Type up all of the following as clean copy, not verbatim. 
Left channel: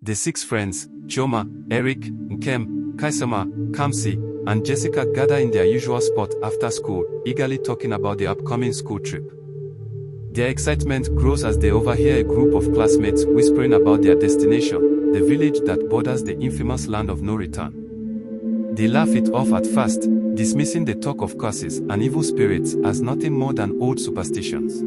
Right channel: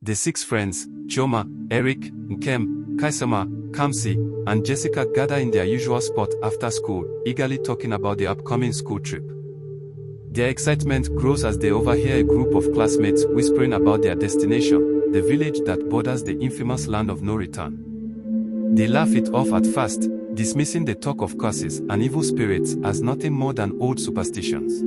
The six friends, Chioma, Eric, Nkem, Kaisama, Kamsi, and Jessica gather in their usual spot after school, eagerly talking about the upcoming school trip. Their excitement grows as they overhear a group of classmates whispering about their destination, the village that borders the infamous land of no return. They laugh it off at first, dismissing the talk of curses and evil spirits as nothing more than old superstitions.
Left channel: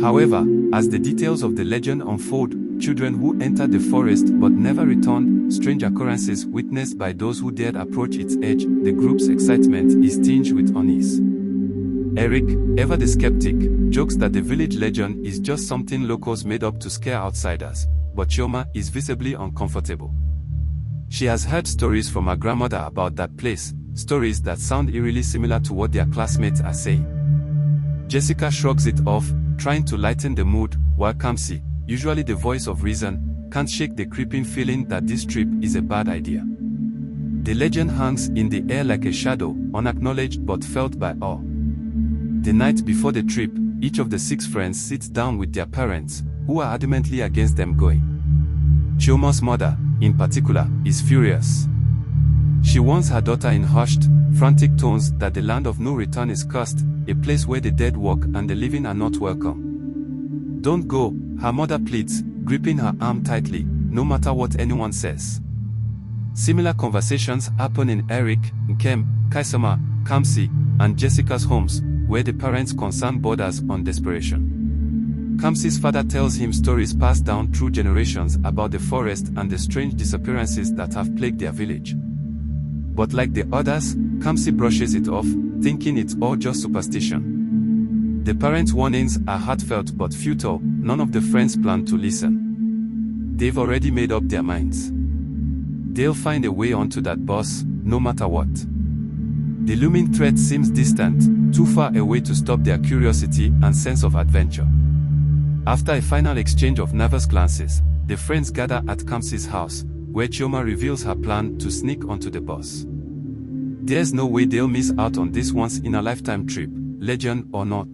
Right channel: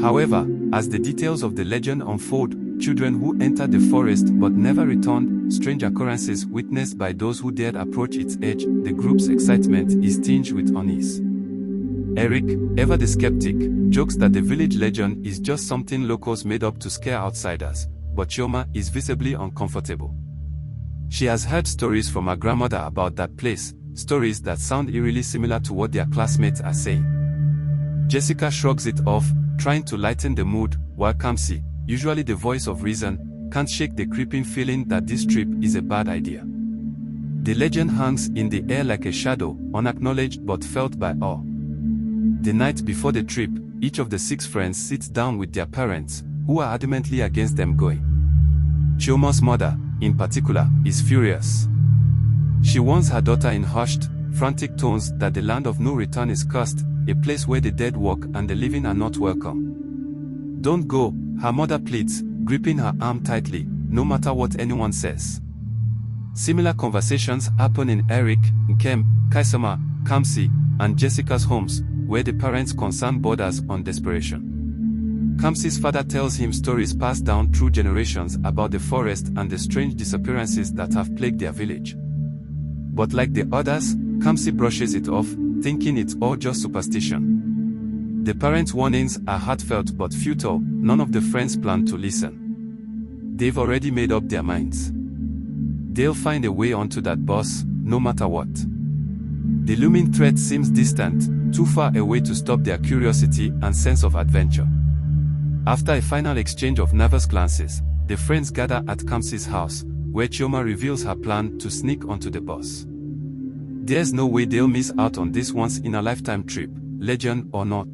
However, as the details of the legend unfold, children who entered the forest but never returned, strange occurrences witnessed by those who dared approach its edge, the group's excitement is tinged with unease. Eric, ever the skeptic, jokes that the village legend is just something locals made up to scare outsiders, but Chioma is visibly uncomfortable. She has heard stories from her grandmother about that place, stories that sound eerily similar to what their classmates are saying. Jessica shrugs it off, trying to lighten the mood, while Kamsi, usually the voice of reason, can't shake the creeping feeling that this trip is a bad idea. The legend hangs in the air like a shadow, unacknowledged but felt by all. The night before the trip, each of the six friends sits down with their parents, who are adamantly against them going. Chioma's mother, in particular, is furious. She warns her daughter in hushed, frantic tones that the land of no return is cursed, a place where the dead walk and the living are not welcome. "Don't go," her mother pleads, gripping her arm tightly, no matter what anyone says. Similar conversations happen in Eric, Nkem, Kaisama, Kamsi, and Jessica's homes, where the parents' concern borders on desperation. Kamsi's father tells him stories passed down through generations about the forest and the strange disappearances that have plagued their village. But like the others, Kamsi brushes it off, thinking it's all just superstition. The parents' warnings are heartfelt but futile. None of the friends plan to listen. They've already made up their minds. They'll find a way onto that bus, no matter what. The looming threat seems distant, too far away to stop their curiosity and sense of adventure. After a final exchange of nervous glances, the friends gather at Kamsi's house, where Chioma reveals her plan to sneak onto the bus. There's no way they'll miss out on this once-in-a-lifetime trip, legend or not.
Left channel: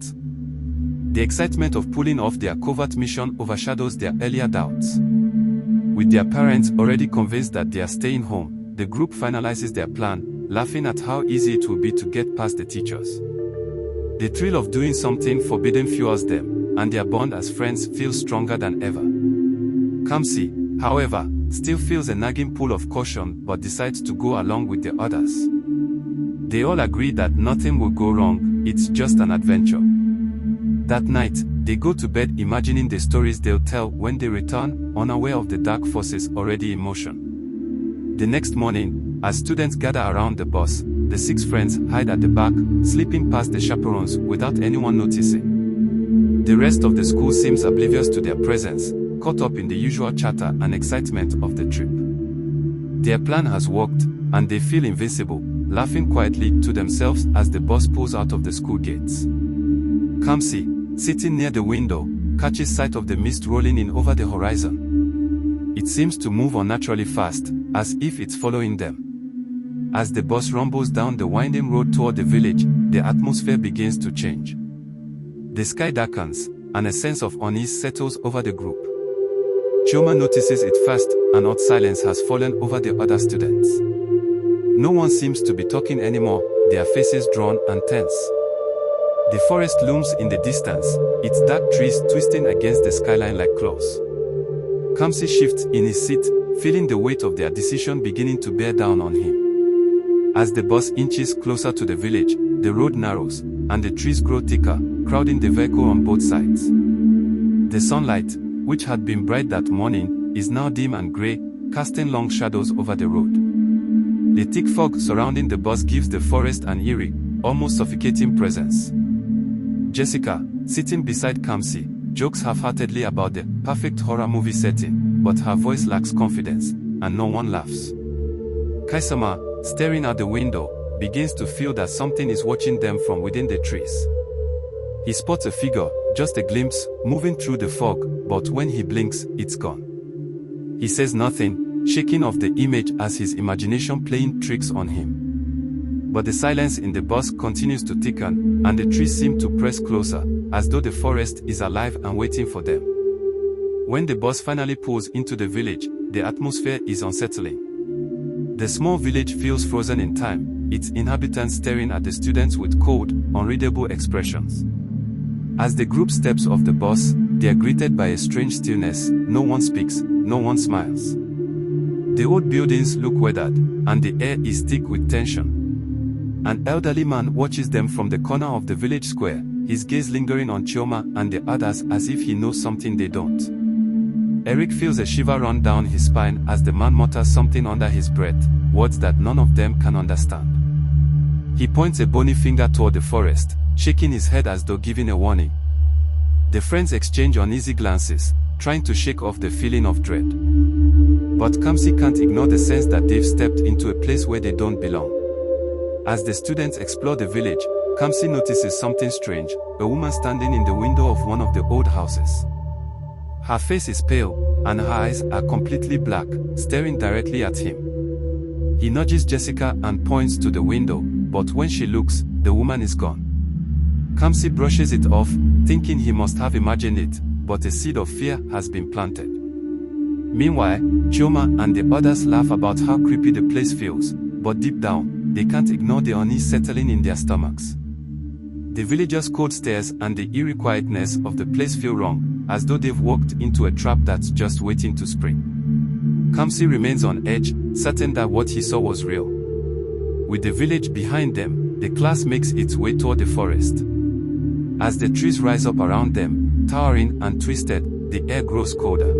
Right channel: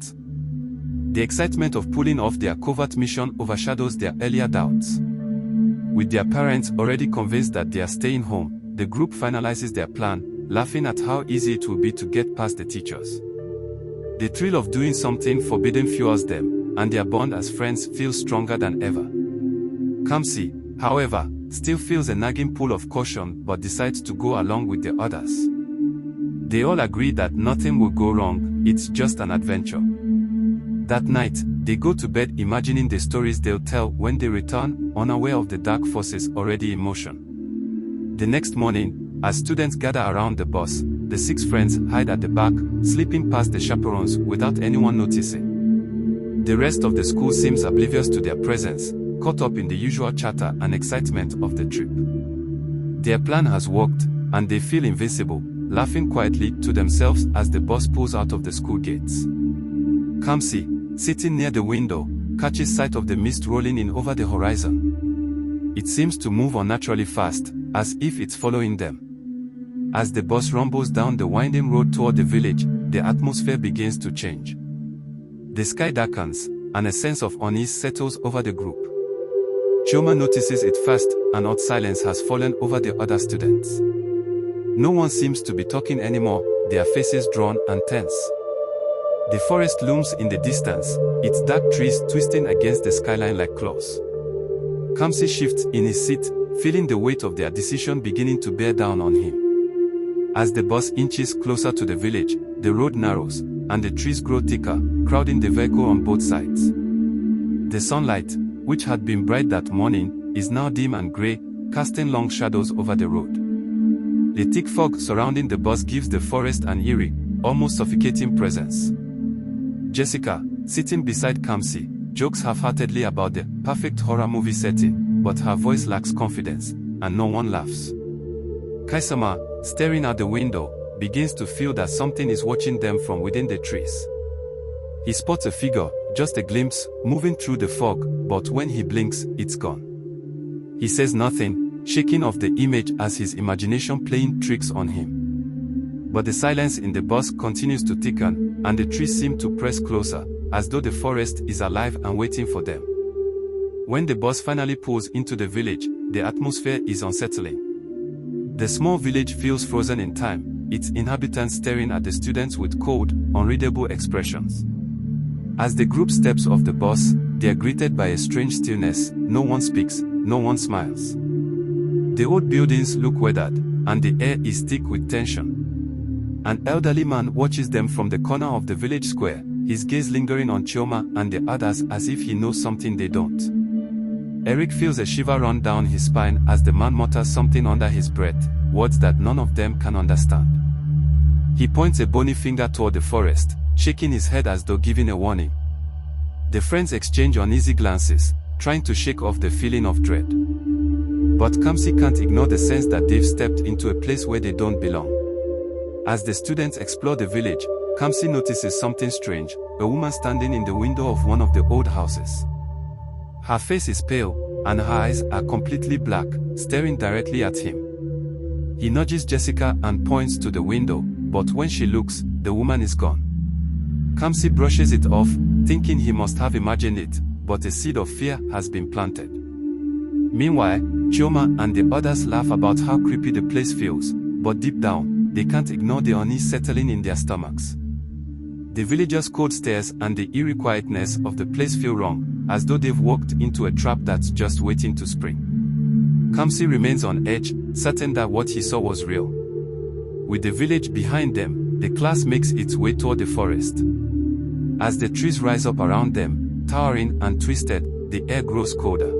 The excitement of pulling off their covert mission overshadows their earlier doubts. With their parents already convinced that they are staying home, the group finalizes their plan, laughing at how easy it will be to get past the teachers. The thrill of doing something forbidden fuels them, and their bond as friends feels stronger than ever. Kamsi, however, still feels a nagging pull of caution but decides to go along with the others. They all agree that nothing will go wrong, it's just an adventure. That night, they go to bed imagining the stories they'll tell when they return, unaware of the dark forces already in motion. The next morning, as students gather around the bus, the six friends hide at the back, slipping past the chaperones without anyone noticing. The rest of the school seems oblivious to their presence, caught up in the usual chatter and excitement of the trip. Their plan has worked, and they feel invincible, laughing quietly to themselves as the bus pulls out of the school gates. Kamsi, sitting near the window, catches sight of the mist rolling in over the horizon. It seems to move unnaturally fast, as if it's following them. As the bus rumbles down the winding road toward the village, the atmosphere begins to change. The sky darkens, and a sense of unease settles over the group. Chioma notices it first, an odd silence has fallen over the other students. No one seems to be talking anymore, their faces drawn and tense. The forest looms in the distance, its dark trees twisting against the skyline like claws. Kamsi shifts in his seat, feeling the weight of their decision beginning to bear down on him. As the bus inches closer to the village, the road narrows, and the trees grow thicker, crowding the vehicle on both sides. The sunlight, which had been bright that morning, is now dim and grey, casting long shadows over the road. The thick fog surrounding the bus gives the forest an eerie, almost suffocating presence. Jessica, sitting beside Kamsi, jokes half-heartedly about the perfect horror movie setting, but her voice lacks confidence, and no one laughs. Kaisama, staring out the window, begins to feel that something is watching them from within the trees. He spots a figure, just a glimpse, moving through the fog, but when he blinks, it's gone. He says nothing, shaking off the image as his imagination playing tricks on him. But the silence in the bus continues to thicken, and the trees seem to press closer, as though the forest is alive and waiting for them. When the bus finally pulls into the village, the atmosphere is unsettling. The small village feels frozen in time, its inhabitants staring at the students with cold, unreadable expressions. As the group steps off the bus, they are greeted by a strange stillness. No one speaks, no one smiles. The old buildings look weathered, and the air is thick with tension. An elderly man watches them from the corner of the village square, his gaze lingering on Chioma and the others as if he knows something they don't. Eric feels a shiver run down his spine as the man mutters something under his breath, words that none of them can understand. He points a bony finger toward the forest, shaking his head as though giving a warning. The friends exchange uneasy glances, trying to shake off the feeling of dread. But Kamsi can't ignore the sense that they've stepped into a place where they don't belong. As the students explore the village, Kamsi notices something strange, a woman standing in the window of one of the old houses. Her face is pale, and her eyes are completely black, staring directly at him. He nudges Jessica and points to the window, but when she looks, the woman is gone. Kamsi brushes it off, thinking he must have imagined it, but a seed of fear has been planted. Meanwhile, Chioma and the others laugh about how creepy the place feels, but deep down, they can't ignore the unease settling in their stomachs. The villagers' cold stares and the eerie quietness of the place feel wrong, as though they've walked into a trap that's just waiting to spring. Kamsi remains on edge, certain that what he saw was real. With the village behind them, the class makes its way toward the forest. As the trees rise up around them, towering and twisted, the air grows colder.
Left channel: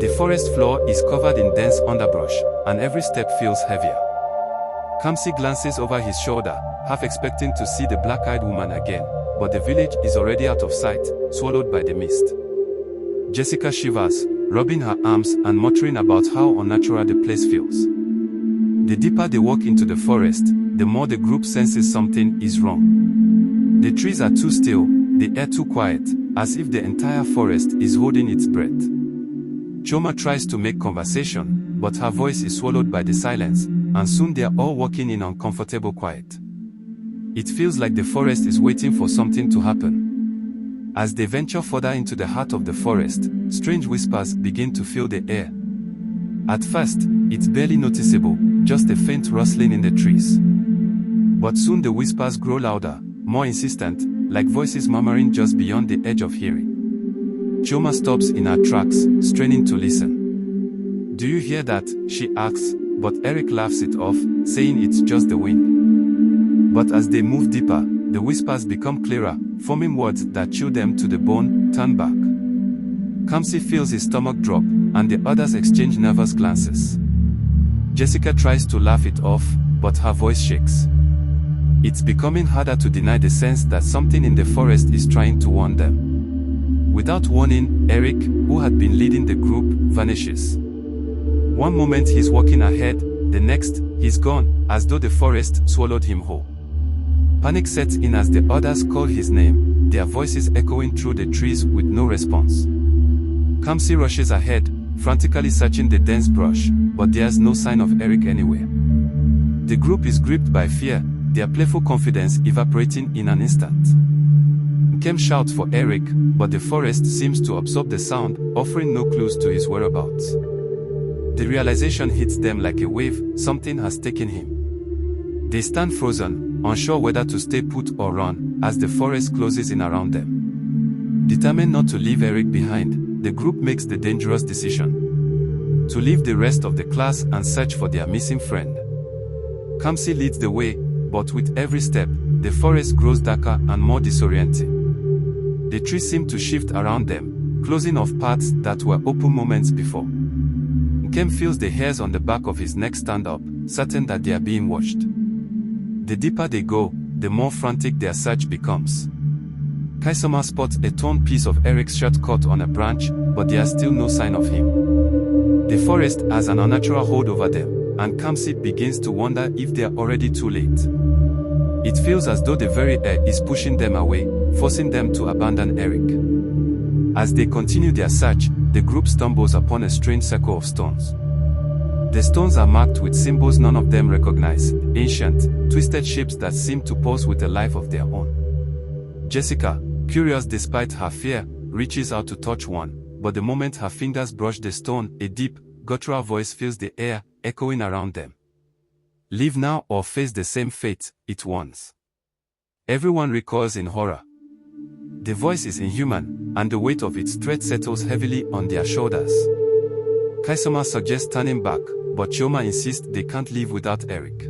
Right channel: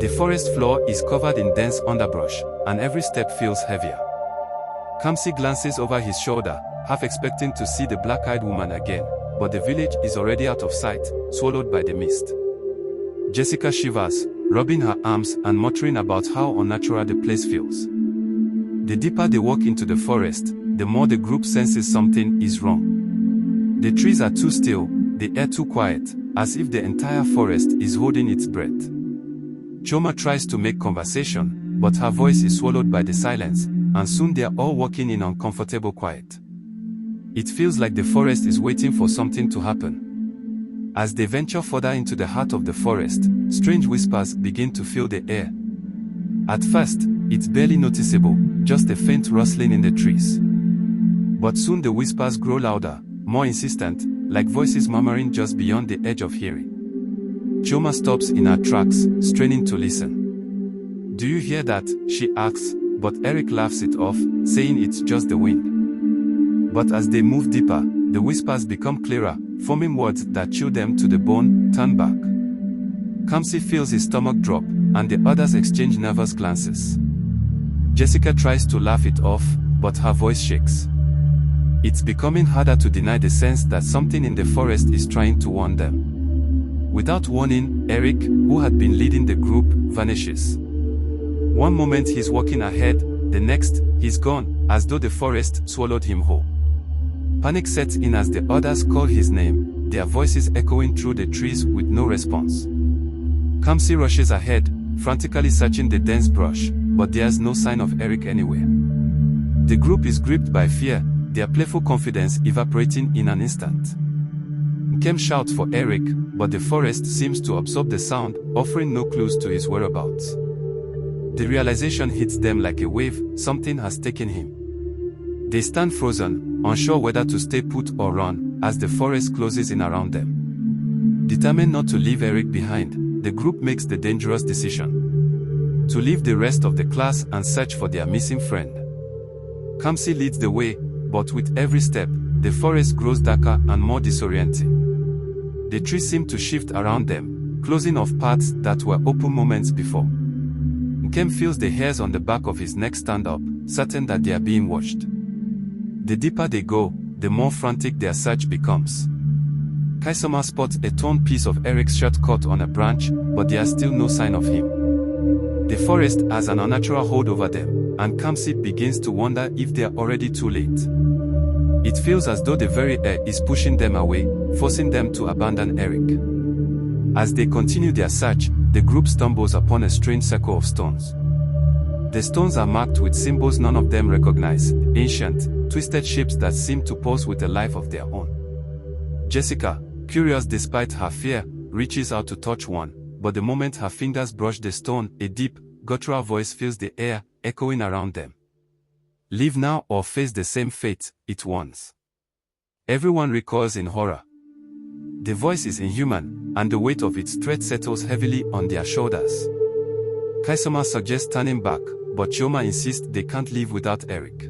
The forest floor is covered in dense underbrush, and every step feels heavier. Kamsi glances over his shoulder, half expecting to see the black-eyed woman again, but the village is already out of sight, swallowed by the mist. Jessica shivers, rubbing her arms and muttering about how unnatural the place feels. The deeper they walk into the forest, the more the group senses something is wrong. The trees are too still, the air too quiet, as if the entire forest is holding its breath. Chioma tries to make conversation, but her voice is swallowed by the silence, and soon they are all walking in uncomfortable quiet. It feels like the forest is waiting for something to happen. As they venture further into the heart of the forest, strange whispers begin to fill the air. At first, it's barely noticeable, just a faint rustling in the trees. But soon the whispers grow louder, more insistent, like voices murmuring just beyond the edge of hearing. Chioma stops in her tracks, straining to listen. "Do you hear that?" she asks, but Eric laughs it off, saying it's just the wind. But as they move deeper, the whispers become clearer, forming words that chill them to the bone. "Turn back." Kamsi feels his stomach drop, and the others exchange nervous glances. Jessica tries to laugh it off, but her voice shakes. It's becoming harder to deny the sense that something in the forest is trying to warn them. Without warning, Eric, who had been leading the group, vanishes. One moment he's walking ahead, the next, he's gone, as though the forest swallowed him whole. Panic sets in as the others call his name, their voices echoing through the trees with no response. Kamsi rushes ahead, frantically searching the dense brush, but there's no sign of Eric anywhere. The group is gripped by fear, their playful confidence evaporating in an instant. Nkem shouts for Eric, but the forest seems to absorb the sound, offering no clues to his whereabouts. The realization hits them like a wave, something has taken him. They stand frozen, unsure whether to stay put or run, as the forest closes in around them. Determined not to leave Eric behind, the group makes the dangerous decision to leave the rest of the class and search for their missing friend. Kamsi leads the way, but with every step, the forest grows darker and more disorienting. The trees seem to shift around them, closing off paths that were open moments before. Nkem feels the hairs on the back of his neck stand up, certain that they are being watched. The deeper they go, the more frantic their search becomes. Kaisama spots a torn piece of Eric's shirt caught on a branch, but there's still no sign of him. The forest has an unnatural hold over them, and Kamsi begins to wonder if they are already too late. It feels as though the very air is pushing them away, forcing them to abandon Eric. As they continue their search, the group stumbles upon a strange circle of stones. The stones are marked with symbols none of them recognize, ancient, twisted shapes that seem to pulse with a life of their own. Jessica, curious despite her fear, reaches out to touch one, but the moment her fingers brush the stone, a deep, guttural voice fills the air, echoing around them. Leave now or face the same fate, it warns. Everyone recoils in horror. The voice is inhuman, and the weight of its threat settles heavily on their shoulders. Kaisama suggests turning back, but Chioma insists they can't leave without Eric.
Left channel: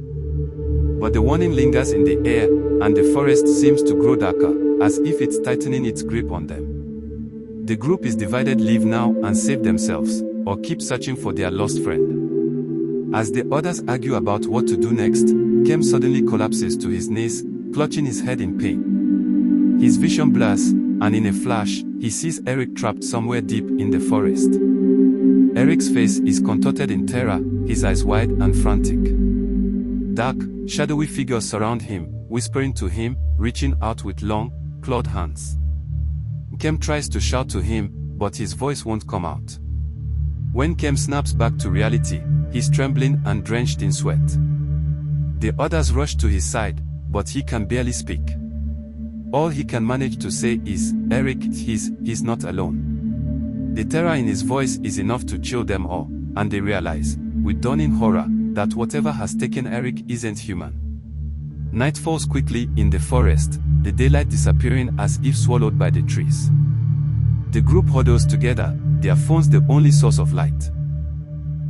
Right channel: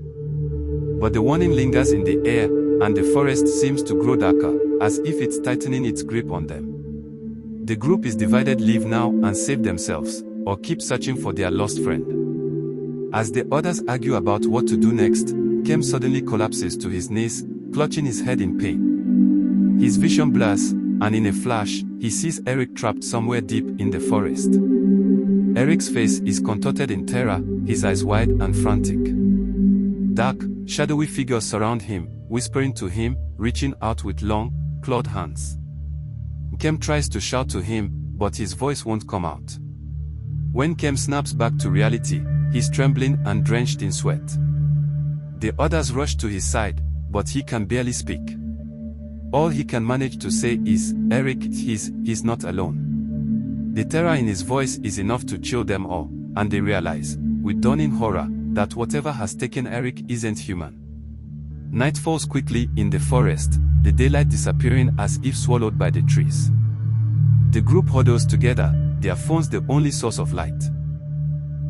But the warning lingers in the air, and the forest seems to grow darker, as if it's tightening its grip on them. The group is divided: leave now and save themselves, or keep searching for their lost friend. As the others argue about what to do next, Kem suddenly collapses to his knees, clutching his head in pain. His vision blurs, and in a flash, he sees Eric trapped somewhere deep in the forest. Eric's face is contorted in terror, his eyes wide and frantic. Dark, shadowy figures surround him, whispering to him, reaching out with long, clawed hands. Kem tries to shout to him, but his voice won't come out. When Kem snaps back to reality, he's trembling and drenched in sweat. The others rush to his side, but he can barely speak. All he can manage to say is, Eric, he's not alone. The terror in his voice is enough to chill them all, and they realize, with dawning horror, that whatever has taken Eric isn't human. Night falls quickly in the forest, the daylight disappearing as if swallowed by the trees. The group huddles together, their phones the only source of light.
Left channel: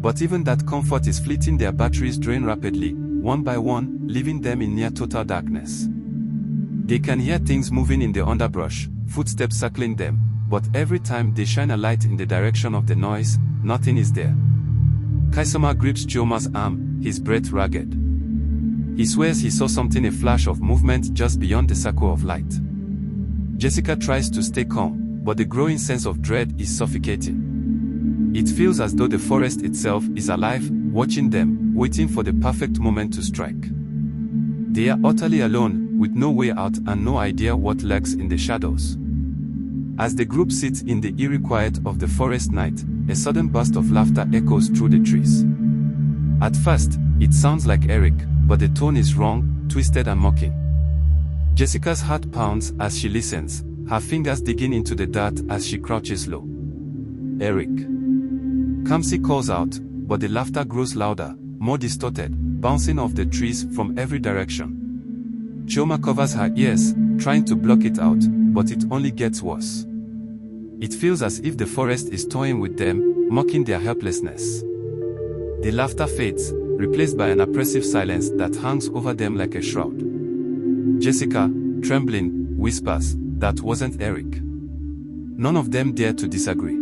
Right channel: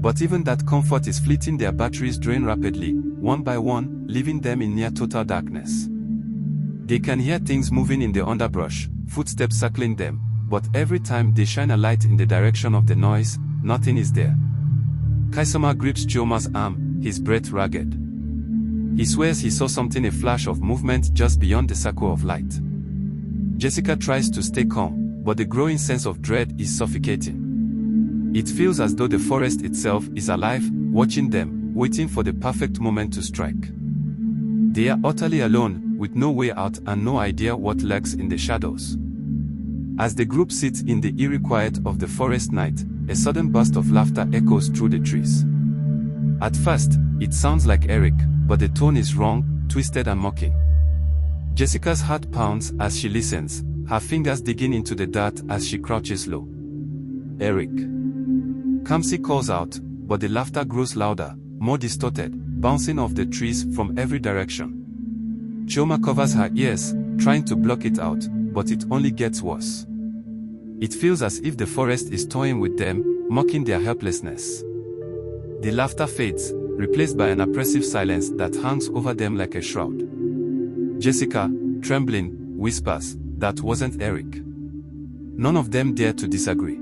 But even that comfort is fleeting. Their batteries drain rapidly, one by one, leaving them in near total darkness. They can hear things moving in the underbrush, footsteps circling them, but every time they shine a light in the direction of the noise, nothing is there. Kaisama grips Chioma's arm, his breath ragged. He swears he saw something, a flash of movement just beyond the circle of light. Jessica tries to stay calm, but the growing sense of dread is suffocating. It feels as though the forest itself is alive, watching them, waiting for the perfect moment to strike. They are utterly alone, with no way out and no idea what lurks in the shadows. As the group sits in the eerie quiet of the forest night, a sudden burst of laughter echoes through the trees. At first, it sounds like Eric, but the tone is wrong, twisted and mocking. Jessica's heart pounds as she listens, her fingers digging into the dirt as she crouches low. Eric. Kamsi calls out, but the laughter grows louder, more distorted, bouncing off the trees from every direction. Chioma covers her ears, trying to block it out, but it only gets worse. It feels as if the forest is toying with them, mocking their helplessness. The laughter fades, replaced by an oppressive silence that hangs over them like a shroud. Jessica, trembling, whispers, "That wasn't Eric." None of them dare to disagree.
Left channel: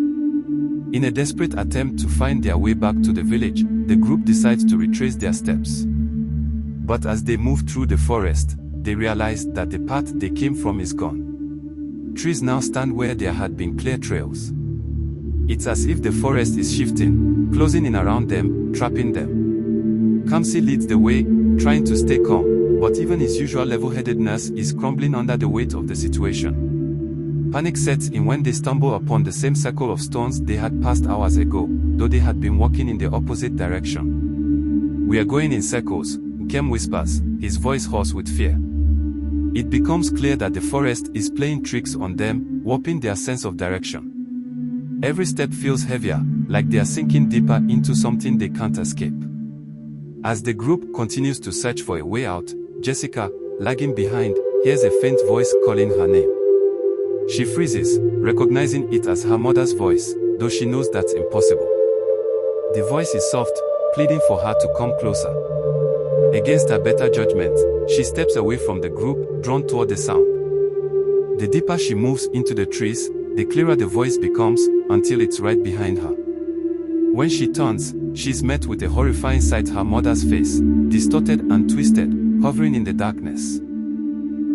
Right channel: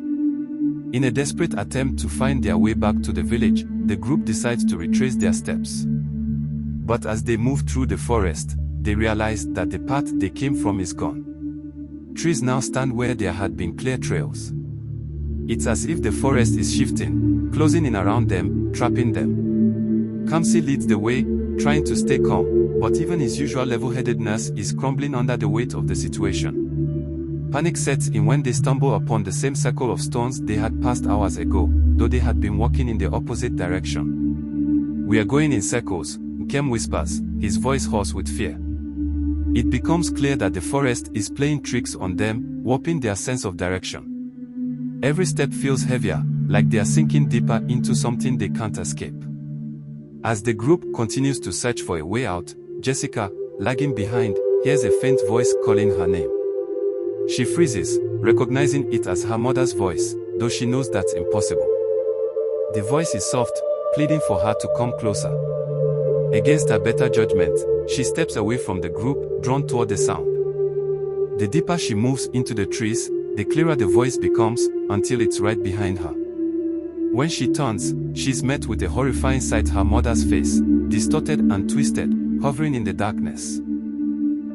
In a desperate attempt to find their way back to the village, the group decides to retrace their steps. But as they move through the forest, they realize that the path they came from is gone. Trees now stand where there had been clear trails. It's as if the forest is shifting, closing in around them, trapping them. Kamsi leads the way, trying to stay calm, but even his usual level-headedness is crumbling under the weight of the situation. Panic sets in when they stumble upon the same circle of stones they had passed hours ago, though they had been walking in the opposite direction. "We are going in circles," Kem whispers, his voice hoarse with fear. It becomes clear that the forest is playing tricks on them, warping their sense of direction. Every step feels heavier, like they are sinking deeper into something they can't escape. As the group continues to search for a way out, Jessica, lagging behind, hears a faint voice calling her name. She freezes, recognizing it as her mother's voice, though she knows that's impossible. The voice is soft, pleading for her to come closer. Against her better judgment, she steps away from the group, drawn toward the sound. The deeper she moves into the trees, the clearer the voice becomes, until it's right behind her. When she turns, she's met with a horrifying sight: her mother's face, distorted and twisted, hovering in the darkness.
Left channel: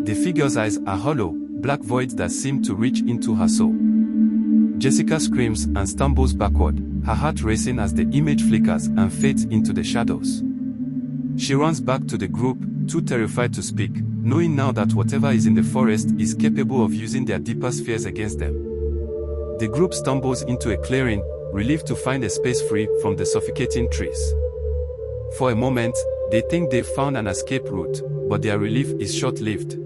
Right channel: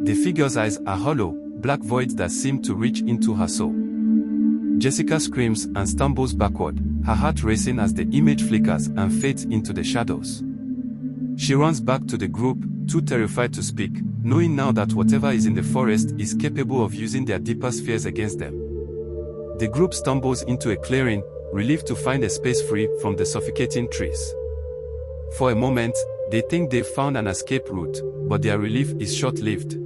The figure's eyes are hollow, black voids that seem to reach into her soul. Jessica screams and stumbles backward, her heart racing as the image flickers and fades into the shadows. She runs back to the group, too terrified to speak, knowing now that whatever is in the forest is capable of using their deepest fears against them. The group stumbles into a clearing, relieved to find a space free from the suffocating trees. For a moment, they think they've found an escape route, but their relief is short-lived.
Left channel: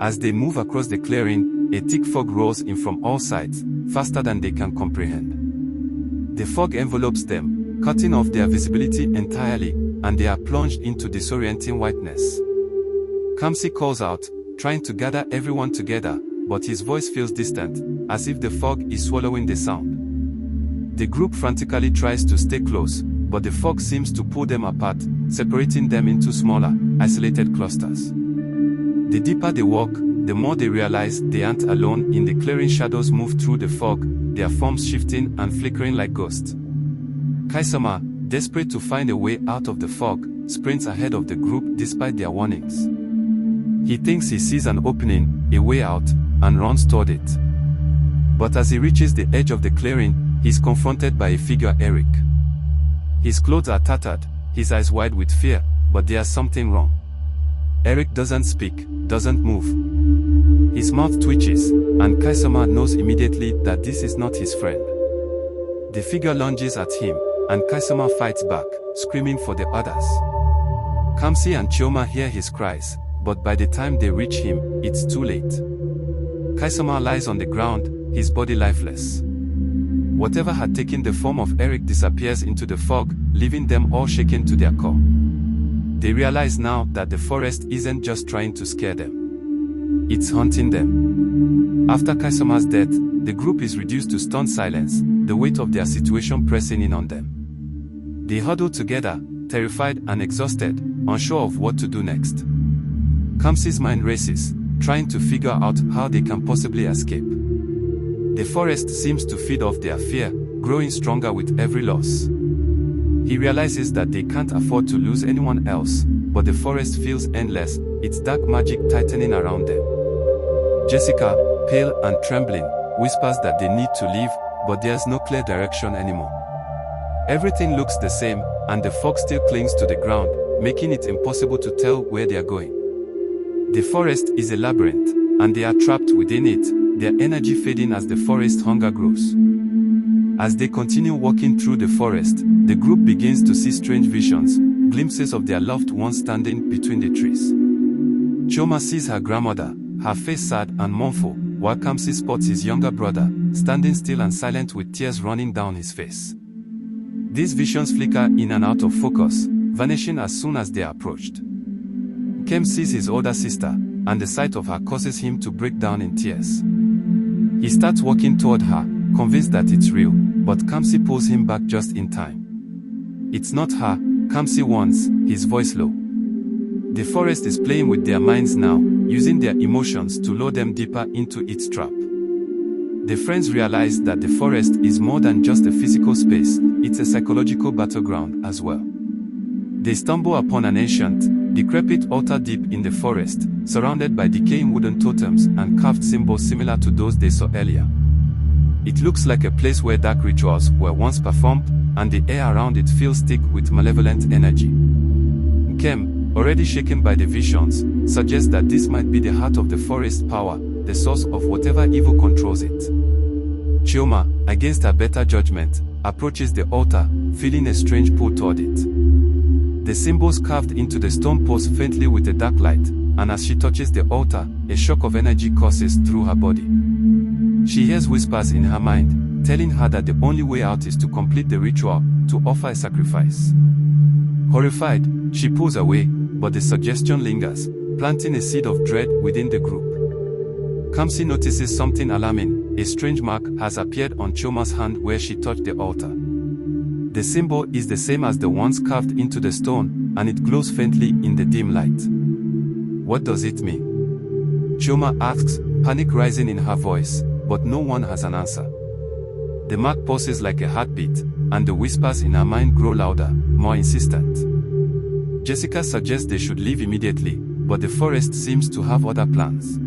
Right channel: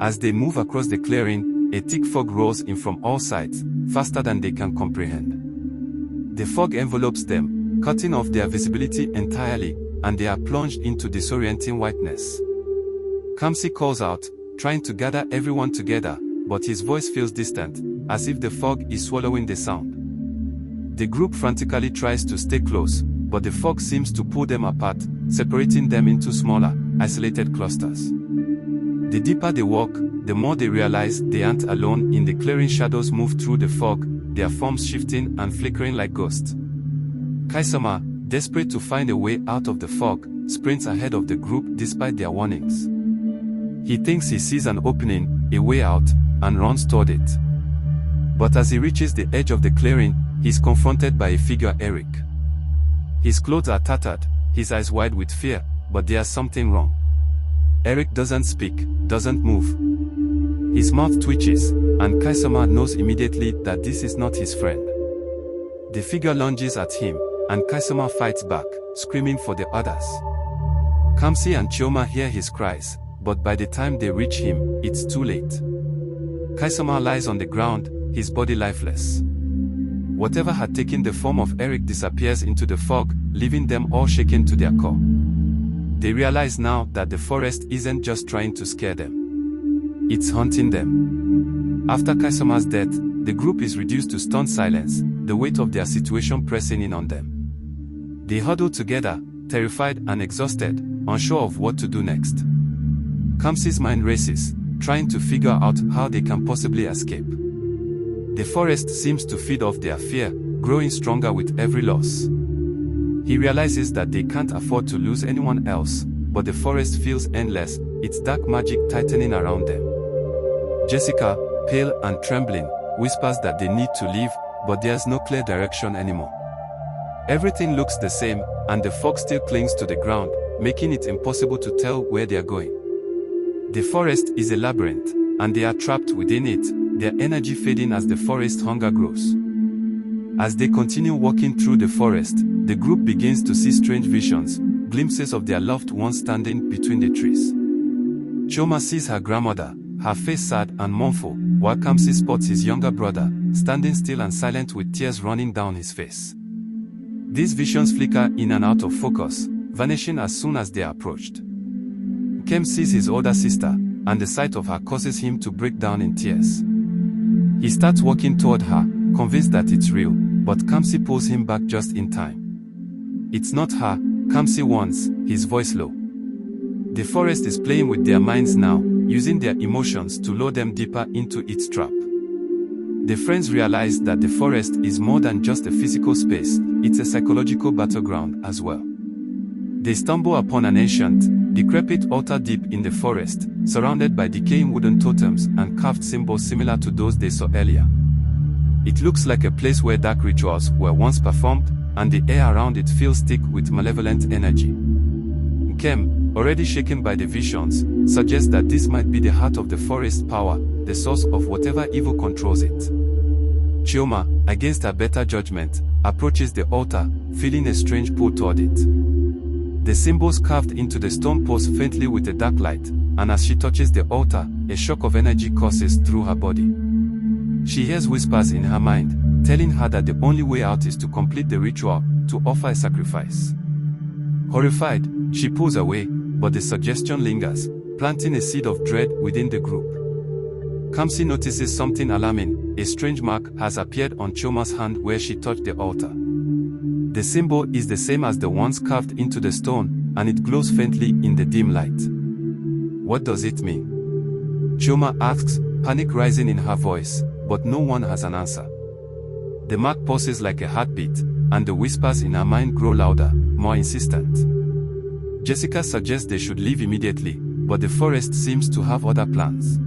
As they move across the clearing, a thick fog rolls in from all sides, faster than they can comprehend. The fog envelopes them, cutting off their visibility entirely, and they are plunged into disorienting whiteness. Kamsi calls out, trying to gather everyone together, but his voice feels distant, as if the fog is swallowing the sound. The group frantically tries to stay close, but the fog seems to pull them apart, separating them into smaller, isolated clusters. The deeper they walk, the more they realize they aren't alone in the clearing. Shadows move through the fog, their forms shifting and flickering like ghosts. Kaisama, desperate to find a way out of the fog, sprints ahead of the group despite their warnings. He thinks he sees an opening, a way out, and runs toward it. But as he reaches the edge of the clearing, he is confronted by a figure, Eric. His clothes are tattered, his eyes wide with fear, but there's something wrong. Eric doesn't speak, doesn't move. His mouth twitches, and Kaisama knows immediately that this is not his friend. The figure lunges at him, and Kaisama fights back, screaming for the others. Kamsi and Chioma hear his cries, but by the time they reach him, it's too late. Kaisama lies on the ground, his body lifeless. Whatever had taken the form of Eric disappears into the fog, leaving them all shaken to their core. They realize now that the forest isn't just trying to scare them. It's haunting them. After Kaisama's death, the group is reduced to stunned silence, the weight of their situation pressing in on them. They huddle together, terrified and exhausted, unsure of what to do next. Kamsi's mind races, trying to figure out how they can possibly escape. The forest seems to feed off their fear, growing stronger with every loss. He realizes that they can't afford to lose anyone else, but the forest feels endless, its dark magic tightening around them. Jessica, pale and trembling, whispers that they need to leave, but there's no clear direction anymore. Everything looks the same, and the fog still clings to the ground, making it impossible to tell where they are going. The forest is a labyrinth, and they are trapped within it, their energy fading as the forest hunger grows. As they continue walking through the forest, the group begins to see strange visions, glimpses of their loved ones standing between the trees. Chioma sees her grandmother, her face sad and mournful, while Kamsi spots his younger brother, standing still and silent with tears running down his face. These visions flicker in and out of focus, vanishing as soon as they are approached. Nkem sees his older sister, and the sight of her causes him to break down in tears. He starts walking toward her, convinced that it's real, but Kamsi pulls him back just in time. "It's not her," Kamsi warns, his voice low. The forest is playing with their minds now, using their emotions to lure them deeper into its trap. The friends realize that the forest is more than just a physical space, it's a psychological battleground as well. They stumble upon an ancient, decrepit altar deep in the forest, surrounded by decaying wooden totems and carved symbols similar to those they saw earlier. It looks like a place where dark rituals were once performed, and the air around it feels thick with malevolent energy. Nkem, already shaken by the visions, suggests that this might be the heart of the forest's power, the source of whatever evil controls it. Chioma, against her better judgment, approaches the altar, feeling a strange pull toward it. The symbols carved into the stone pulse faintly with a dark light, and as she touches the altar, a shock of energy courses through her body. She hears whispers in her mind, telling her that the only way out is to complete the ritual, to offer a sacrifice. Horrified, she pulls away, but the suggestion lingers, planting a seed of dread within the group. Kamsi notices something alarming. A strange mark has appeared on Chioma's hand where she touched the altar. The symbol is the same as the ones carved into the stone, and it glows faintly in the dim light. What does it mean? Chioma asks, panic rising in her voice, but no one has an answer. The mark pulses like a heartbeat, and the whispers in her mind grow louder, more insistent. Jessica suggests they should leave immediately, but the forest seems to have other plans.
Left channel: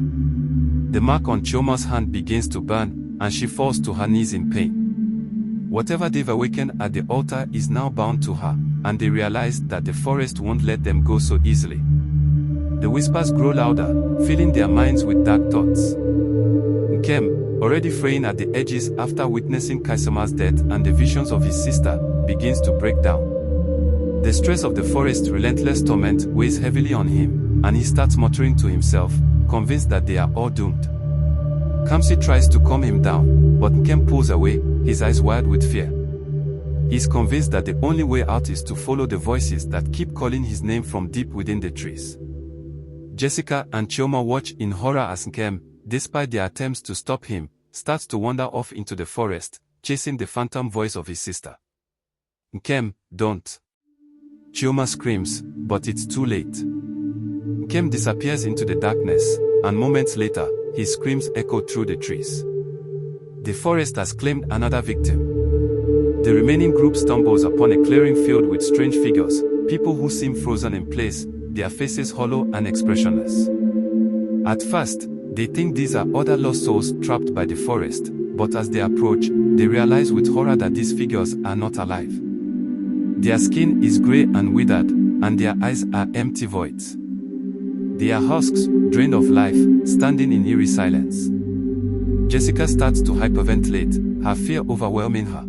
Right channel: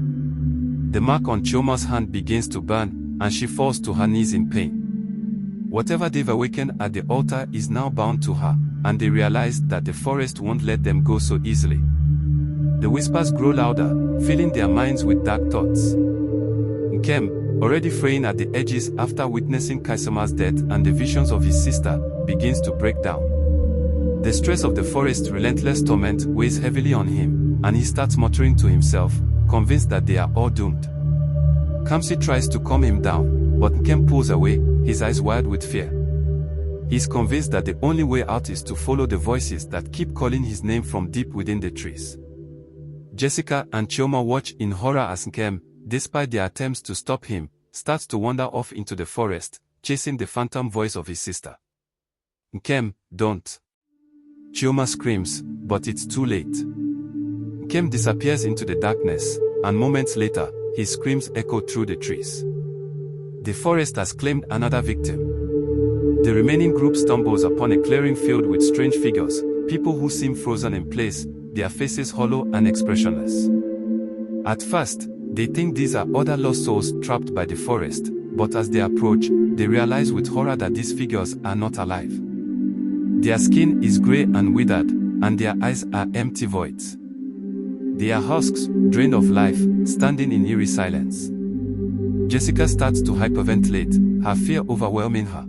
The mark on Chioma's hand begins to burn, and she falls to her knees in pain. Whatever they've awakened at the altar is now bound to her, and they realize that the forest won't let them go so easily. The whispers grow louder, filling their minds with dark thoughts. Nkem, already fraying at the edges after witnessing Kaisama's death and the visions of his sister, begins to break down. The stress of the forest's relentless torment weighs heavily on him, and he starts muttering to himself, convinced that they are all doomed. Kamsi tries to calm him down, but Nkem pulls away, his eyes wide with fear. He's convinced that the only way out is to follow the voices that keep calling his name from deep within the trees. Jessica and Chioma watch in horror as Nkem, despite their attempts to stop him, starts to wander off into the forest, chasing the phantom voice of his sister. Nkem, don't. Chioma screams, but it's too late. Nkem disappears into the darkness, and moments later, his screams echo through the trees. The forest has claimed another victim. The remaining group stumbles upon a clearing filled with strange figures, people who seem frozen in place, their faces hollow and expressionless. At first, they think these are other lost souls trapped by the forest, but as they approach, they realize with horror that these figures are not alive. Their skin is grey and withered, and their eyes are empty voids. They are husks, drained of life, standing in eerie silence. Jessica starts to hyperventilate, her fear overwhelming her.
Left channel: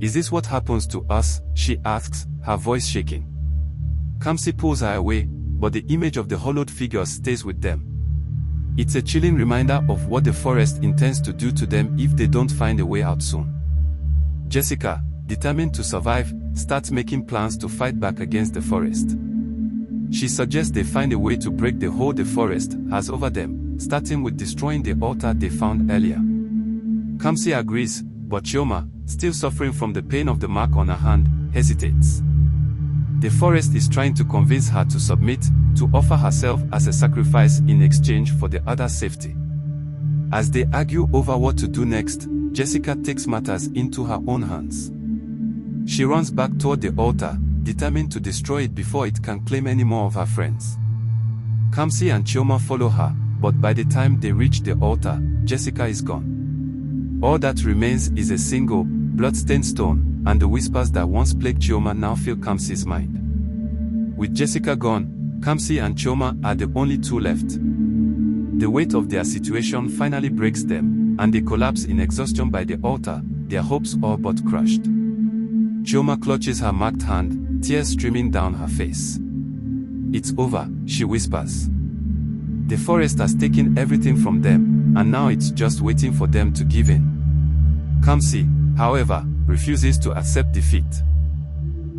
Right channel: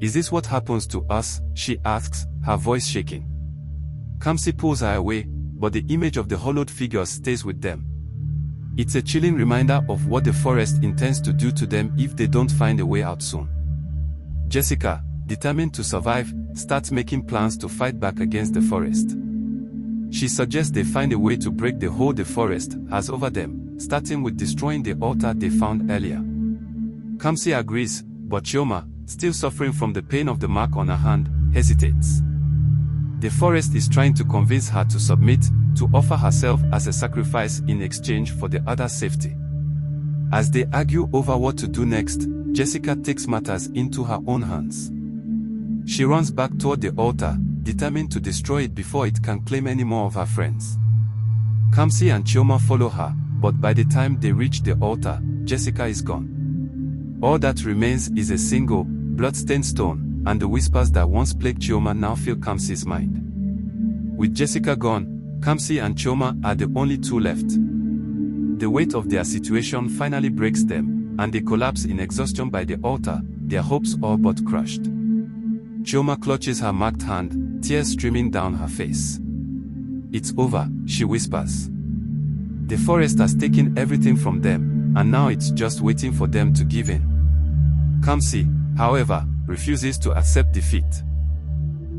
Is this what happens to us? She asks, her voice shaking. Kamsi pulls her away, but the image of the hollowed figures stays with them. It's a chilling reminder of what the forest intends to do to them if they don't find a way out soon. Jessica, determined to survive, starts making plans to fight back against the forest. She suggests they find a way to break the hold the forest has over them, starting with destroying the altar they found earlier. Kamsi agrees, but Chioma, still suffering from the pain of the mark on her hand, hesitates. The forest is trying to convince her to submit, to offer herself as a sacrifice in exchange for the other's safety. As they argue over what to do next, Jessica takes matters into her own hands. She runs back toward the altar, determined to destroy it before it can claim any more of her friends. Kamsi and Chioma follow her, but by the time they reach the altar, Jessica is gone. All that remains is a single, blood-stained stone, and the whispers that once plagued Chioma now fill Kamsi's mind. With Jessica gone, Kamsi and Chioma are the only two left. The weight of their situation finally breaks them, and they collapse in exhaustion by the altar, their hopes all but crushed. Chioma clutches her marked hand, tears streaming down her face. It's over, she whispers. The forest has taken everything from them, and now it's just waiting for them to give in. Kamsi, however, refuses to accept defeat.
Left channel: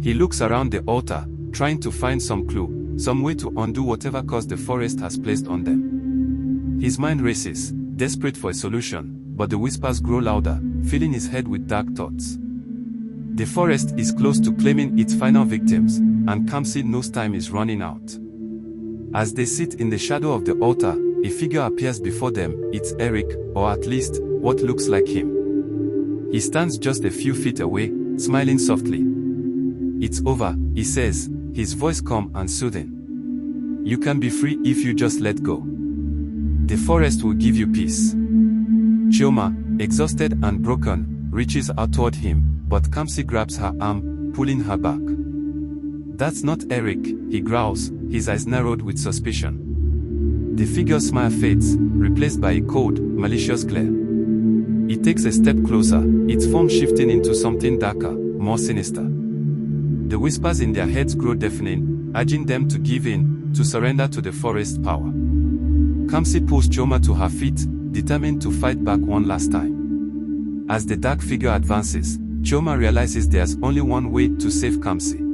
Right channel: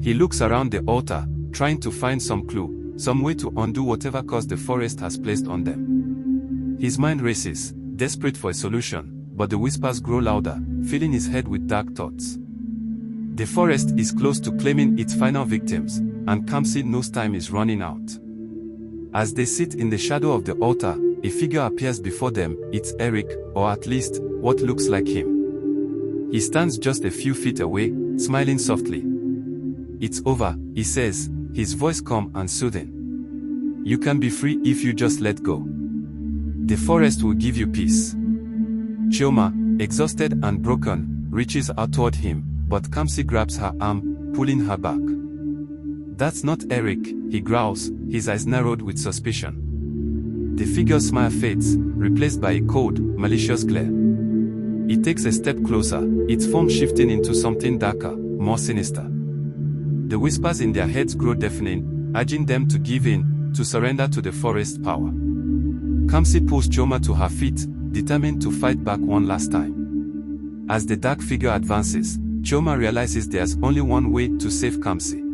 He looks around the altar, trying to find some clue, some way to undo whatever curse the forest has placed on them. His mind races, desperate for a solution, but the whispers grow louder, filling his head with dark thoughts. The forest is close to claiming its final victims, and Kamsi knows time is running out. As they sit in the shadow of the altar, a figure appears before them. It's Eric, or at least, what looks like him. He stands just a few feet away, smiling softly. It's over, he says, his voice calm and soothing. You can be free if you just let go. The forest will give you peace. Chioma, exhausted and broken, reaches out toward him, but Kamsi grabs her arm, pulling her back. That's not Eric, he growls, his eyes narrowed with suspicion. The figure's smile fades, replaced by a cold, malicious glare. He takes a step closer, its form shifting into something darker, more sinister. The whispers in their heads grow deafening, urging them to give in, to surrender to the forest's power. Kamsi pulls Chioma to her feet, determined to fight back one last time. As the dark figure advances, Chioma realizes there's only one way to save Kamsi.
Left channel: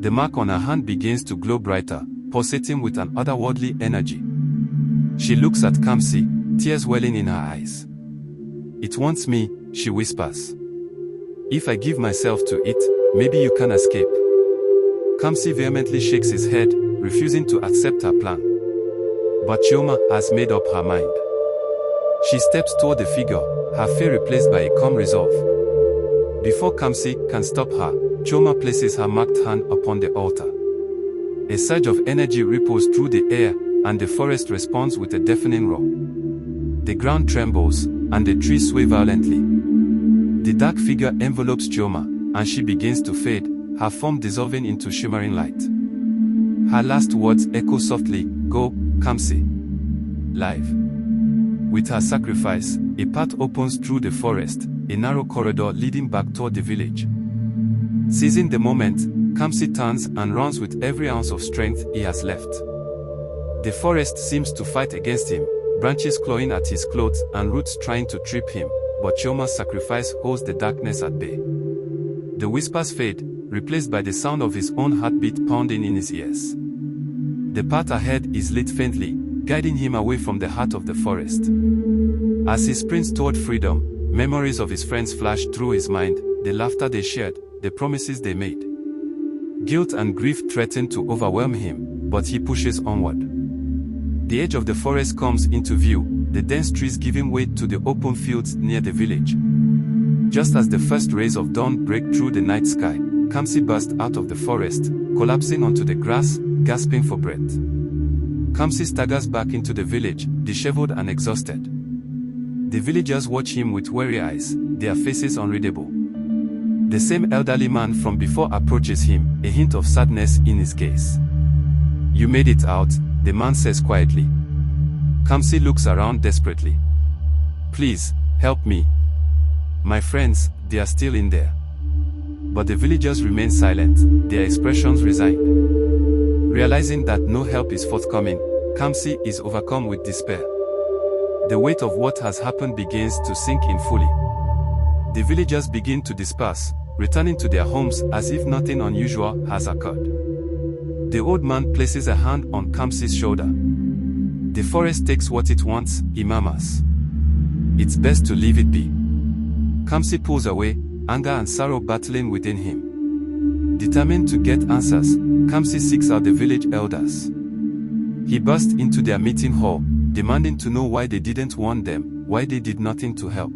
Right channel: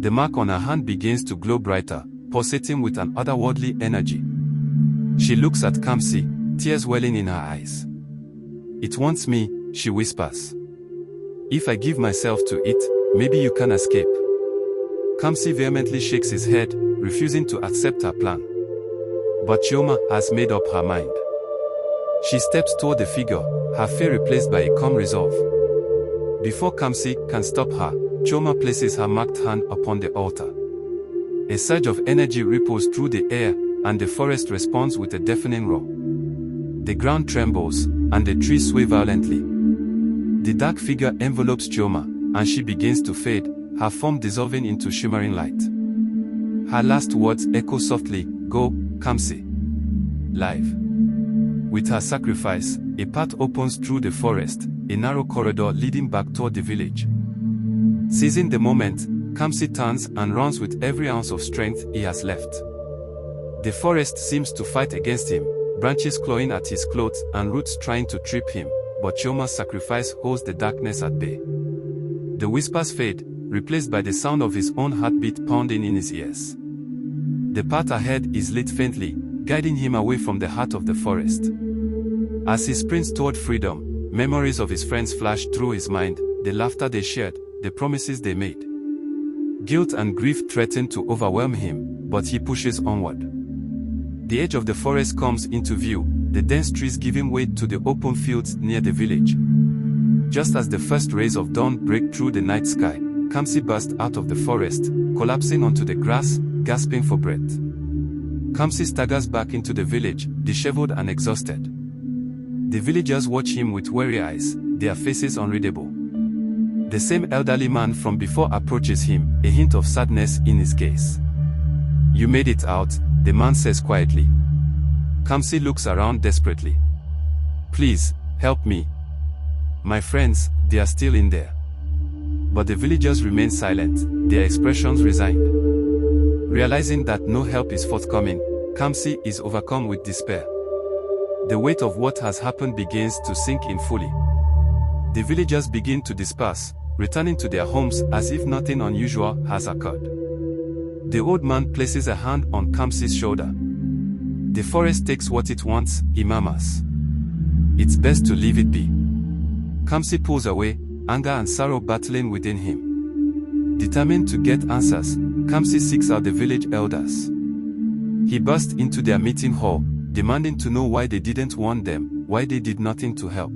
The mark on her hand begins to glow brighter, pulsating with an otherworldly energy. She looks at Kamsi, tears welling in her eyes. It wants me, she whispers. If I give myself to it, maybe you can escape. Kamsi vehemently shakes his head, refusing to accept her plan. But Chioma has made up her mind. She steps toward the figure, her fear replaced by a calm resolve. Before Kamsi can stop her, Chioma places her marked hand upon the altar. A surge of energy ripples through the air, and the forest responds with a deafening roar. The ground trembles, and the trees sway violently. The dark figure envelopes Chioma, and she begins to fade, her form dissolving into shimmering light. Her last words echo softly, "Go, Kamsi." Live. With her sacrifice, a path opens through the forest, a narrow corridor leading back toward the village. Seizing the moment, Kamsi turns and runs with every ounce of strength he has left. The forest seems to fight against him, branches clawing at his clothes and roots trying to trip him, but Chioma's sacrifice holds the darkness at bay. The whispers fade, replaced by the sound of his own heartbeat pounding in his ears. The path ahead is lit faintly, guiding him away from the heart of the forest. As he sprints toward freedom, memories of his friends flash through his mind, the laughter they shared, the promises they made. Guilt and grief threaten to overwhelm him, but he pushes onward. The edge of the forest comes into view, the dense trees giving way to the open fields near the village. Just as the first rays of dawn break through the night sky, Kamsi burst out of the forest, collapsing onto the grass, gasping for breath. Kamsi staggers back into the village, disheveled and exhausted. The villagers watch him with weary eyes, their faces unreadable. The same elderly man from before approaches him, a hint of sadness in his gaze. "You made it out," the man says quietly. Kamsi looks around desperately. "Please, help me. My friends, they are still in there." But the villagers remain silent, their expressions resigned. Realizing that no help is forthcoming, Kamsi is overcome with despair. The weight of what has happened begins to sink in fully. The villagers begin to disperse, returning to their homes as if nothing unusual has occurred. The old man places a hand on Kamsi's shoulder. "The forest takes what it wants," he murmurs. "It's best to leave it be." Kamsi pulls away, anger and sorrow battling within him. Determined to get answers, Kamsi seeks out the village elders. He bursts into their meeting hall, demanding to know why they didn't warn them, why they did nothing to help.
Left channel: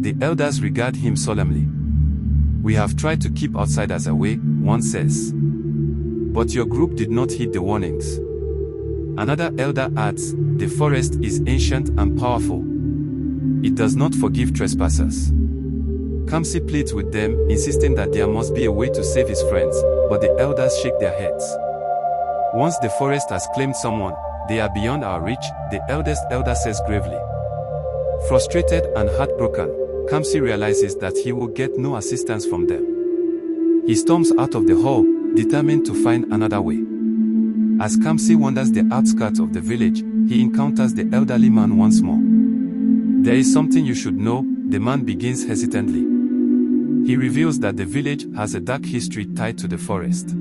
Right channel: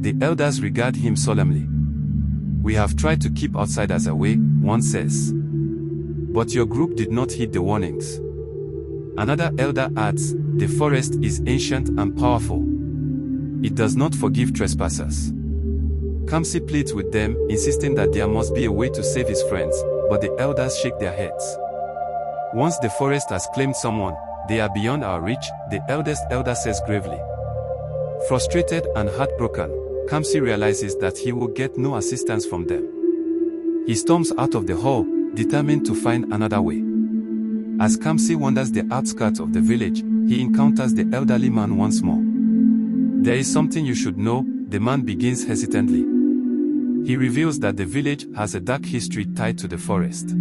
The elders regard him solemnly. "We have tried to keep outsiders away," one says. "But your group did not heed the warnings." Another elder adds, "The forest is ancient and powerful. It does not forgive trespassers." Kamsi pleads with them, insisting that there must be a way to save his friends, but the elders shake their heads. "Once the forest has claimed someone, they are beyond our reach," the eldest elder says gravely. Frustrated and heartbroken, Kamsi realizes that he will get no assistance from them. He storms out of the hall, determined to find another way. As Kamsi wanders the outskirts of the village, he encounters the elderly man once more. "There is something you should know," the man begins hesitantly. He reveals that the village has a dark history tied to the forest.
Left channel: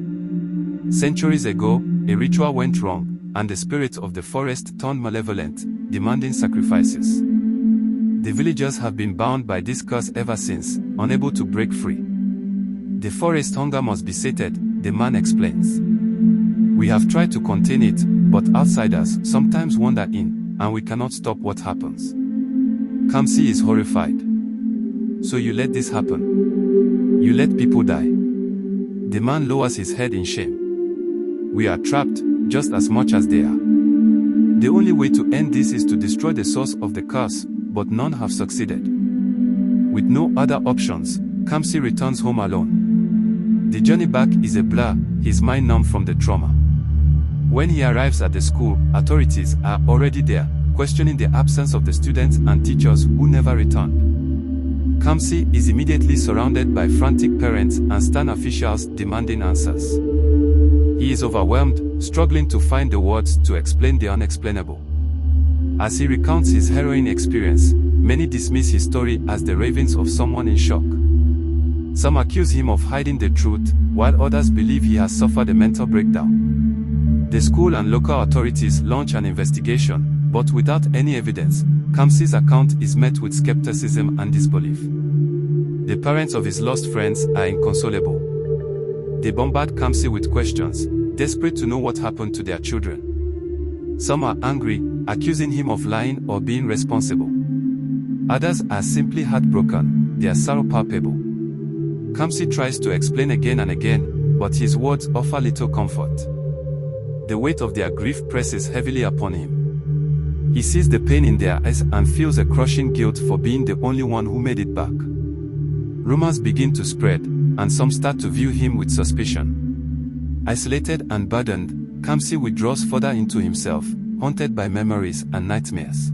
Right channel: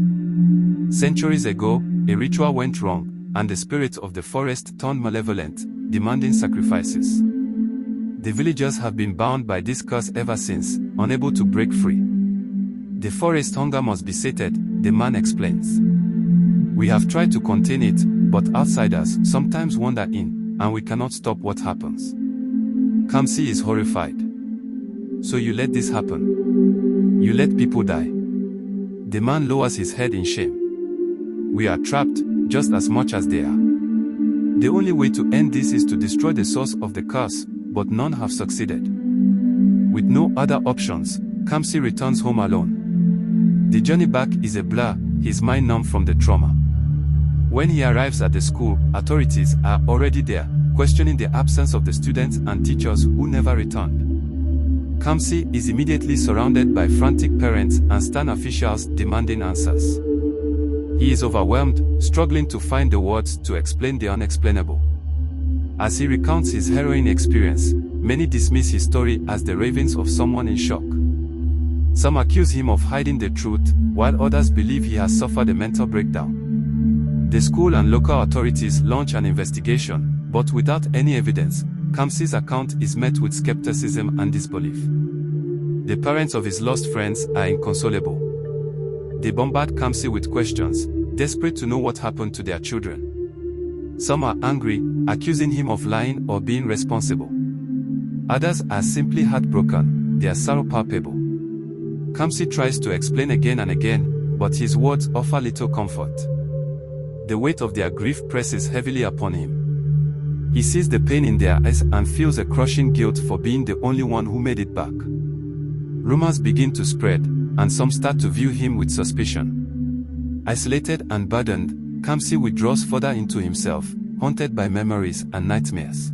Centuries ago, a ritual went wrong, and the spirits of the forest turned malevolent, demanding sacrifices. The villagers have been bound by this curse ever since, unable to break free. "The forest hunger must be sated," the man explains. "We have tried to contain it, but outsiders sometimes wander in, and we cannot stop what happens." Kamsi is horrified. "So you let this happen? You let people die?" The man lowers his head in shame. "We are trapped, just as much as they are. The only way to end this is to destroy the source of the curse, but none have succeeded." With no other options, Kamsi returns home alone. The journey back is a blur, his mind numb from the trauma. When he arrives at the school, authorities are already there, questioning the absence of the students and teachers who never returned. Kamsi is immediately surrounded by frantic parents and stern officials demanding answers. He is overwhelmed, struggling to find the words to explain the unexplainable. As he recounts his harrowing experience, many dismiss his story as the ravings of someone in shock. Some accuse him of hiding the truth, while others believe he has suffered a mental breakdown. The school and local authorities launch an investigation, but without any evidence, Kamsi's account is met with skepticism and disbelief. The parents of his lost friends are inconsolable. They bombard Kamsi with questions, desperate to know what happened to their children. Some are angry, accusing him of lying or being responsible. Others are simply heartbroken, their sorrow palpable. Kamsi tries to explain again and again, but his words offer little comfort. The weight of their grief presses heavily upon him. He sees the pain in their eyes and feels a crushing guilt for being the only one who made it back. Rumors begin to spread, and some start to view him with suspicion. Isolated and burdened, Kamsi withdraws further into himself, haunted by memories and nightmares.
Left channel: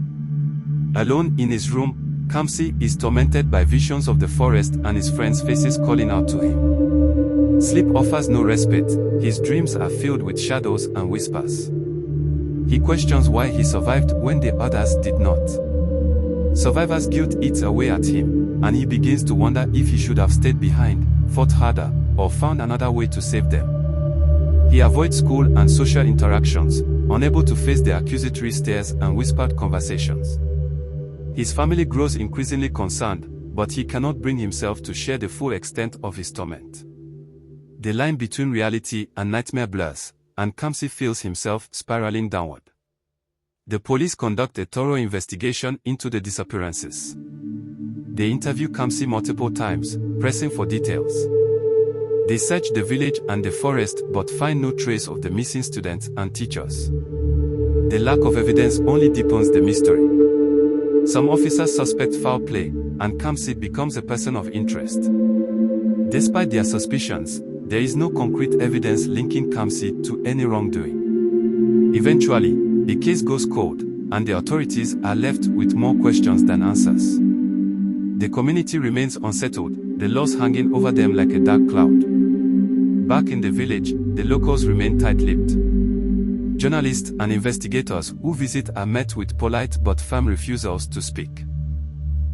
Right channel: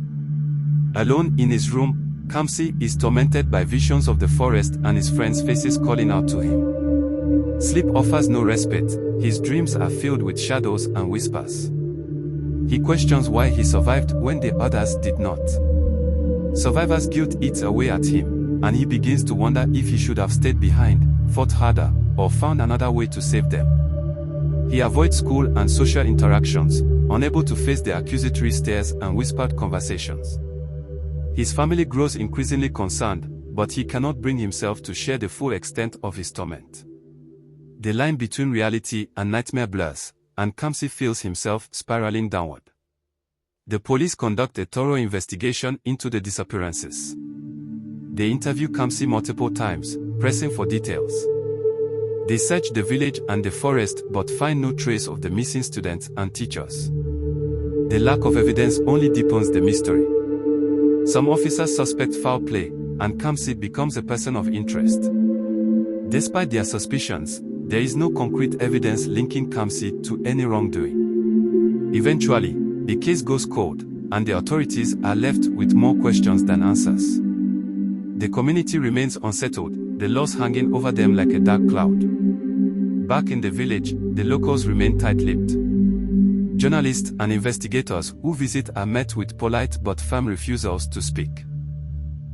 Alone in his room, Kamsi is tormented by visions of the forest and his friends' faces calling out to him. Sleep offers no respite, his dreams are filled with shadows and whispers. He questions why he survived when the others did not. Survivor's guilt eats away at him, and he begins to wonder if he should have stayed behind, fought harder, or found another way to save them. He avoids school and social interactions, unable to face the accusatory stares and whispered conversations. His family grows increasingly concerned, but he cannot bring himself to share the full extent of his torment. The line between reality and nightmare blurs, and Kamsi feels himself spiraling downward. The police conduct a thorough investigation into the disappearances. They interview Kamsi multiple times, pressing for details. They search the village and the forest but find no trace of the missing students and teachers. The lack of evidence only deepens the mystery. Some officers suspect foul play, and Kamsi becomes a person of interest. Despite their suspicions, there is no concrete evidence linking Kamsi to any wrongdoing. Eventually, the case goes cold, and the authorities are left with more questions than answers. The community remains unsettled, the loss hanging over them like a dark cloud. Back in the village, the locals remain tight-lipped. Journalists and investigators who visit are met with polite but firm refusals to speak.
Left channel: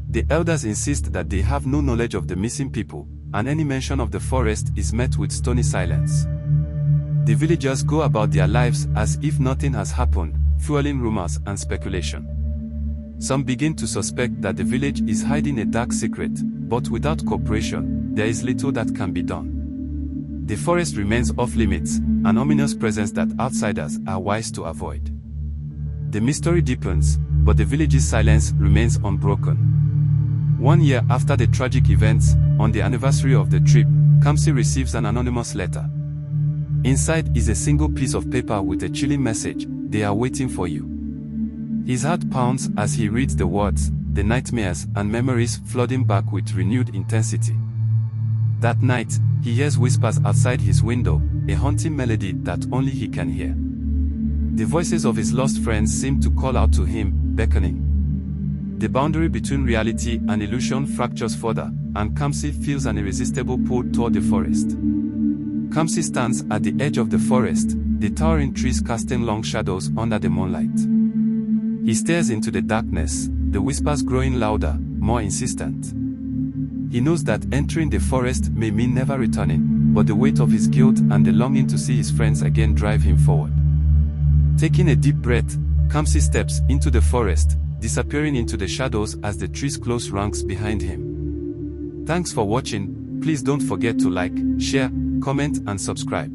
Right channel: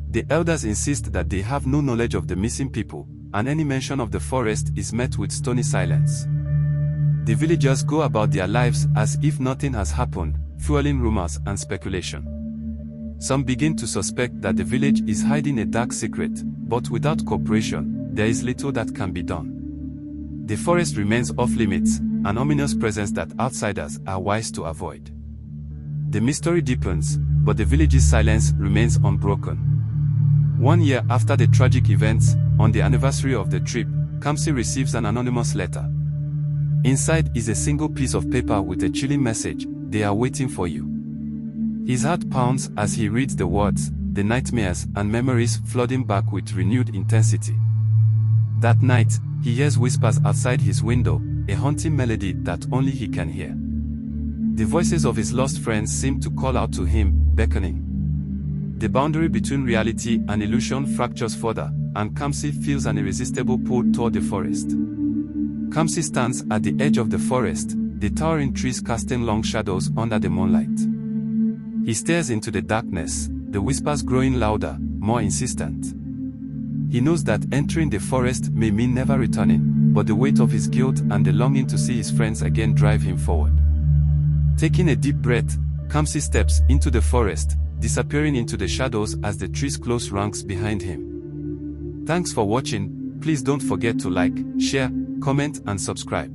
The elders insist that they have no knowledge of the missing people, and any mention of the forest is met with stony silence. The villagers go about their lives as if nothing has happened, fueling rumors and speculation. Some begin to suspect that the village is hiding a dark secret, but without cooperation, there is little that can be done. The forest remains off-limits, an ominous presence that outsiders are wise to avoid. The mystery deepens, but the village's silence remains unbroken. 1 year after the tragic events, on the anniversary of the trip, Kamsi receives an anonymous letter. Inside is a single piece of paper with a chilling message: "They are waiting for you." His heart pounds as he reads the words, the nightmares and memories flooding back with renewed intensity. That night, he hears whispers outside his window, a haunting melody that only he can hear. The voices of his lost friends seem to call out to him, beckoning. The boundary between reality and illusion fractures further, and Kamsi feels an irresistible pull toward the forest. Kamsi stands at the edge of the forest, the towering trees casting long shadows under the moonlight. He stares into the darkness, the whispers growing louder, more insistent. He knows that entering the forest may mean never returning, but the weight of his guilt and the longing to see his friends again drive him forward. Taking a deep breath, Kamsi steps into the forest, disappearing into the shadows as the trees close ranks behind him. Thanks for watching. Please don't forget to like, share, comment and subscribe.